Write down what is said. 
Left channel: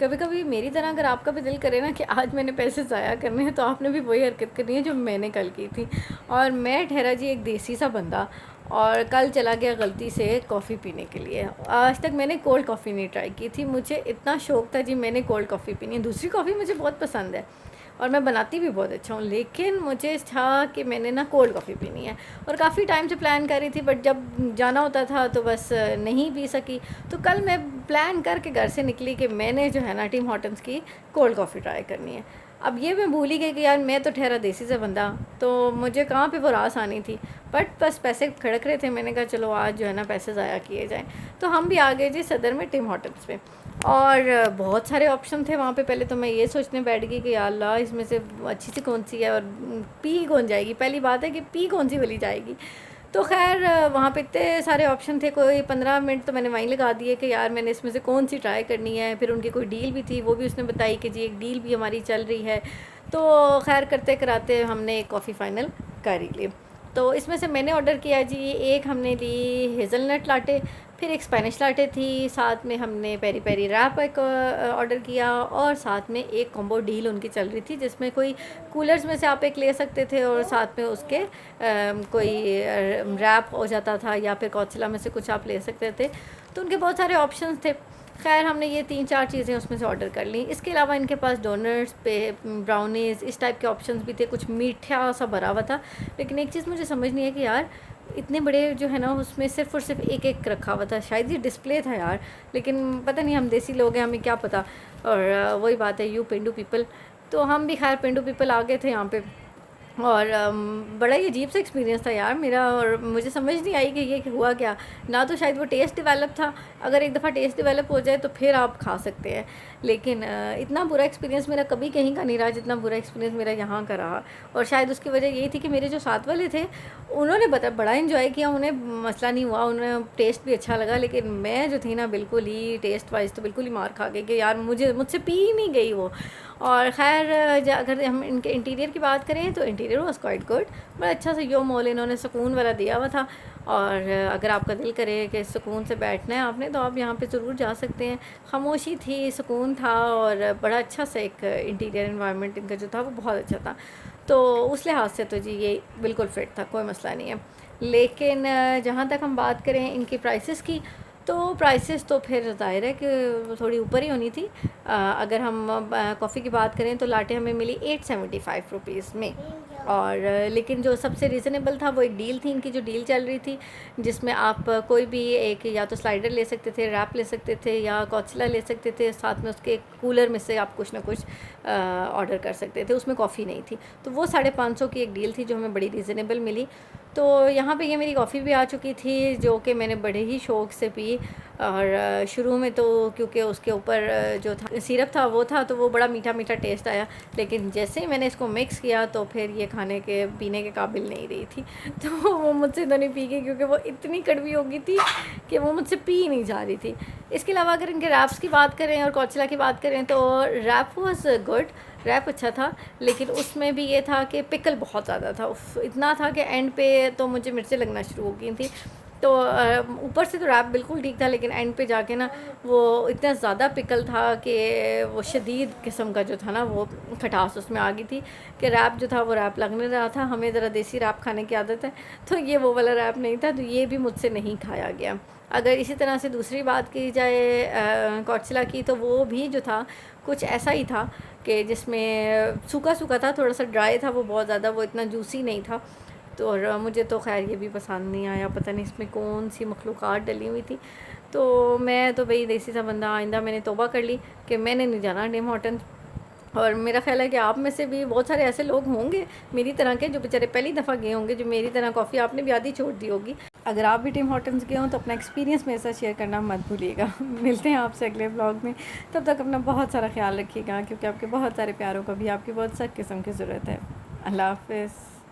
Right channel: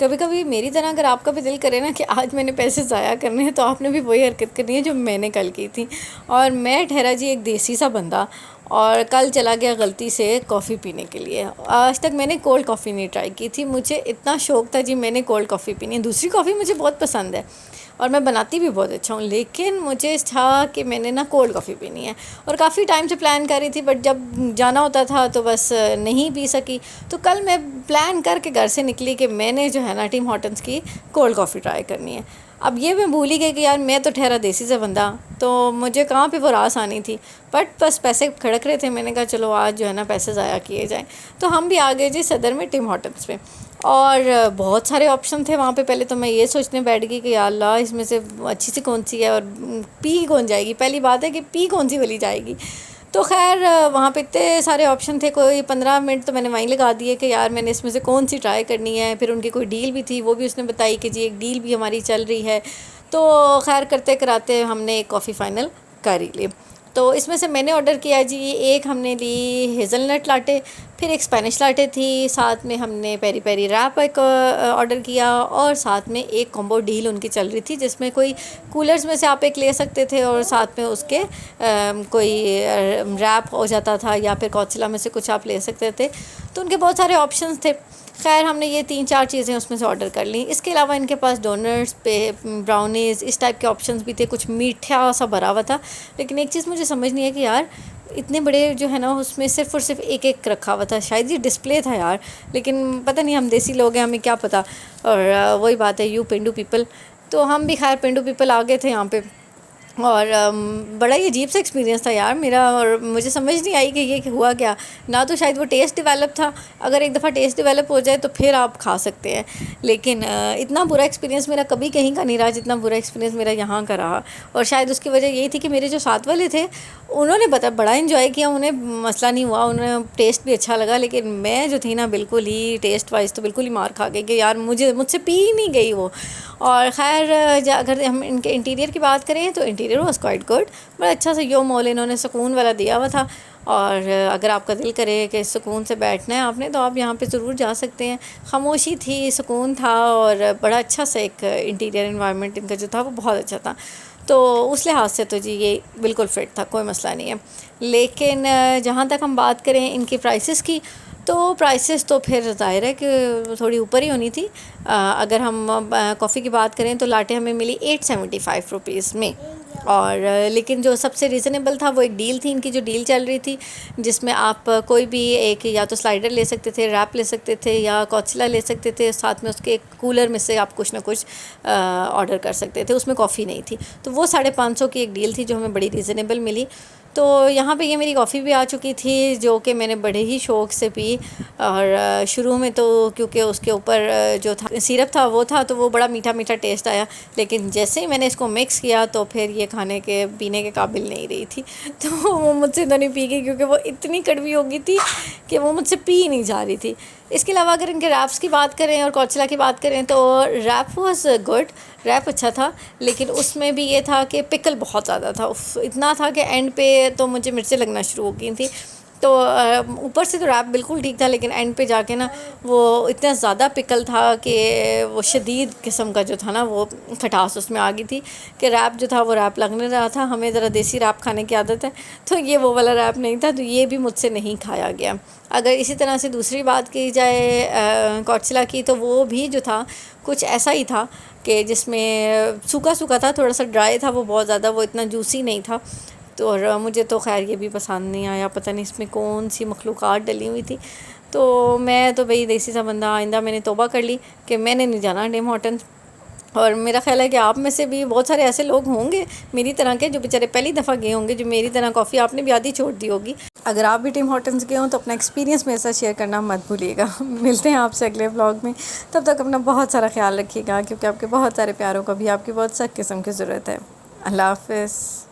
कभी कभी मेरी तरह अगर आपका भी दिल करे ना कि आज मैंने पैसे ज़ाया करने हैं, तो आपने भी वही हरकत करनी है जो मैंने कल की थी। और मैं ठहरा जी एक देसी सा बंदा, और कल चला गया गलती से कॉफ़ी पीने के लिए। आज तक मैंने कोल्ड कॉफ़ी नहीं ट्राई की थी, मुझे इतना शौक़ था जी मैंने कोल्ड कॉफ़ी पीनी है। दूसरी कॉफ़ी मुझे बहुत पसंद है और मैं बनाती भी बहुत अच्छा हूँ, लेकिन मुझे था कि मैंने ना कोल्ड कॉफ़ी पीनी है। और काफ़ी टाइम से प्लान कर रही थी, बट जब जाना होता था तो बस नहीं पी सकी। तो कल मैं प्लान करके घर से निकली कि मैंने जो है ना टिम हॉर्टन्स की कोल्ड कॉफ़ी ट्राई करनी है। अब ये मैं भूल ही गई कि यार मैं तो ठहरा देसी से बंदा, तो मुझे कहाँ पे वो रास आनी थी। बट बस पैसे खड़क रहे थे, मैंने कहा चलो आज जो है ना पैसे ज़ाया किए जाएँ। तो हम भी आ गए जी सदर में टिम हॉर्टन्स पे, और बहुत सारे ऑप्शन थे वहाँ पे। पहले तो मैं ये सोचने बैठ गई कि या अल्लाह इसमें से अच्छी सी कौन सी है और पी कौन जाएगी। पहली बात है कि पी कौन सी वाली जाएगी। तो खैर वहाँ पे इतने सारे ऑप्शन थे, कोई 15 मिनट तो मैंने वहीं लगा दिए कि यार मैंने इसमें से कौन सी ट्राई करनी है। फिर उनकी कोई डील भी थी, वो भी उसने बताई कि जी एक डील भी हमारी चल रही है। तो खैर करते कराते हमने एक कॉफ़ी फ़ाइनल कर ही ली। तो इसमें से मैंने ऑर्डर किया जी, एक हमने ली हेज़लनट लाटे, फिर एक स्पेनिश लाटे थी, साथ में हमने पेरी पेरी रैप एक ऑर्डर किया, और साथ में एक कॉम्बो डील उनकी चल रही थी जिसमें कोई कूलर्स में से आप एक ले सकते थे और साथ में उसके कोई रैप हो जाता था, या फिर कॉचिला में से कुछ आप ले सकते थे। तो उनके बहुत सारे ऑप्शंस थे। खैर हमने ये 3-4 चीज़ें उसमें से ऑर्डर कर ली। इसके अलावा इनके पास डोनट्स पे ब्राउनीज़ इस टाइप के ऑप्शंस भी थे, कुछ मीठा सा भरा हुआ था। लेकिन एक चीज़ मुझे समझ नहीं है कि यार इतने बड़े जो है ना उसमें सिर्फ़ और सिर्फ एक एक रखा हुआ था, शायद ये डिस्प्ले था यार, लेकिन पता नहीं, हम देसी लोग हैं, हमें क्या पता। और वही बात है, यू पेंडू पीपल। तो हम भी खैर पेंडू पीपल आ गए थे यहाँ पे, और बड़ा ही अजीब सा एक्सपीरियंस था यार मेरा। और मुझे समझ नहीं आई कि ये हुआ क्या। ना तो शायद वो टेस्ट डेवलप था, अगर एक दफ़ा टेस्ट डेवलप हो जाए तो फिर आप खा सकते हैं, लेकिन इतना बुरा एक्सपीरियंस मेरा कभी कहीं का नहीं रहा जितना बुरा एक्सपीरियंस मेरा यहाँ का रहा। और शायद उसकी वजह यही थी कि मेरे जो साथ वाले थे उन्होंने बड़ा इन्जॉय किया, उन्हें मसला नहीं हुआ, उन्हें टेस्ट भी अच्छा लगा। लेकिन मैं जो थी ना बिल्कुल ही टेस्ट वाइज तो बिल्कुल ही मार खा गई कि यार मुझसे पी ही नहीं गई वो। और ख़ैर अगर हम इनके इंटीरियर की बात करें तो इंटीरियर वाज क्वाइट गुड, बड़ा अच्छा सा यो मॉल इन्होंने सुकून वाला दिया हुआ था। और अगर आपका दिल करे कि सुकून से बैठना है आपने, तो आप यहाँ पे ज़रूर जा सकते हैं। खामोशी थी, सुकून था, और बड़ा अच्छा सा एक इंटीरियर इन्वायरमेंट इनका जो था वो बहुत अच्छा था। तो उस लिहाज से तो जी ये बिल्कुल फ़िट था, कोई मसला नहीं है। लेकिन जहाँ तक हम बात करें इनकी प्राइसेस की, तो प्राइसेस तो फिर ज़ाहिर है कि थोड़ी ऊपर ही होनी थी। अगर हम कॉफ़ी की बात करें तो लाटे हमें मिली 875 रुपीज़ में। और लेकिन जो सबसे रीज़नेबल था वो एक डील थी, इनकी जो डील चल रही थी जिसमें आप कोई भी एक या तो स्लाइडर ले सकते थे, रैप ले सकते थे, या कॉचिला ले सकते थे, साथ में उसके कूलर में से आप कुछ ना कुछ ऑर्डर कर सकते थे। उसमें कॉफ़ी नहीं थी, तो वो 550 की एक डील थी जो हमें बड़ी रीज़नेबल मिली। तो यहाँ पे ये मेरी कॉफ़ी भी आ चुकी थी जो कि मैंने बड़े ही शौक़ से पी। और शुरू में तो क्योंकि उसके ऊपर जो था सिरप था वो था, तो वो बड़ा मीठा मीठा टेस्ट आया। लेकिन जैसे ही मैंने इसको मिक्स किया तो फिर ये खाने के पीने के काबिल नहीं रही थी। तो वो मुझसे तो नहीं पी गई, क्योंकि वो इतनी कड़वी हो गई थी कि वो मुझसे पी नहीं जा रही थी। इसके अलावा अगर इनके रैप्स की बात करें और कॉचिला की बात करें तो रैप वाज गुड, रैप अच्छा था। लेकिन उसमें भी ये था कि पिकल बहुत ज़्यादा था, इतना था कि एंड पे तो मुझे मिर्चें लगना शुरू हो गई थी। तो ऊपर से तो रैप बिल्कुल ठीक था, लेकिन एंड पे जाके ना वो इतना ज़्यादा पिकल था कि वो शदीद किस्म का जो था ना वो खटास उसमें आ गई थी कि रैप जो था वो रैप लगने रहा था। हमें ज़रा देसी रैप खाने की आदत है, तो ये वो वाला रैप नहीं था, तो ये भी मुझसे नहीं खाया गया। अगर इसी तरह से दूसरी बात की जाए कॉचिला की, तो वो भी जो था कुछ ऐसा ही था कि जिसमें सूखा सूखा था, थोड़ा सा ड्राई था, वो बहुत ज़्यादा वो इतना जूसी नहीं था। तो और मुझे तो खैर ये भी पसंद नहीं आया, पता नहीं इसमें कौन सी मखलूक़ात डली हुई थी। तो मैं तो भाई देसी सा बंदा, आइंदा मैंने तौबा कर ली कि मैंने नहीं जाना टिम हॉर्टन्स। और मेरा ख़्याल है कि आप में से भी बहुत सारे ऐसे लोग होंगे मेरी तरह के जो बेचारे पहली दफ़ा गए होंगे, जो मेरी तरह कॉफ़ी आपने भी आधी छोड़ दी होगी। अगर आप भी टिम हॉर्टन्स गए हों तो अपना एक्सपीरियंस मेरे साथ शेयर करना मत भूलिएगा। मिलते हैं आपसे अगले व्लॉग में, तब तक अपना बहुत सारा ख्याल रखिएगा, क्योंकि आपके बहुत सारे प्यारों को भी आपकी बहुत सख्त किस्म की ज़रूरत है। अल्लाह हाफ़िज़।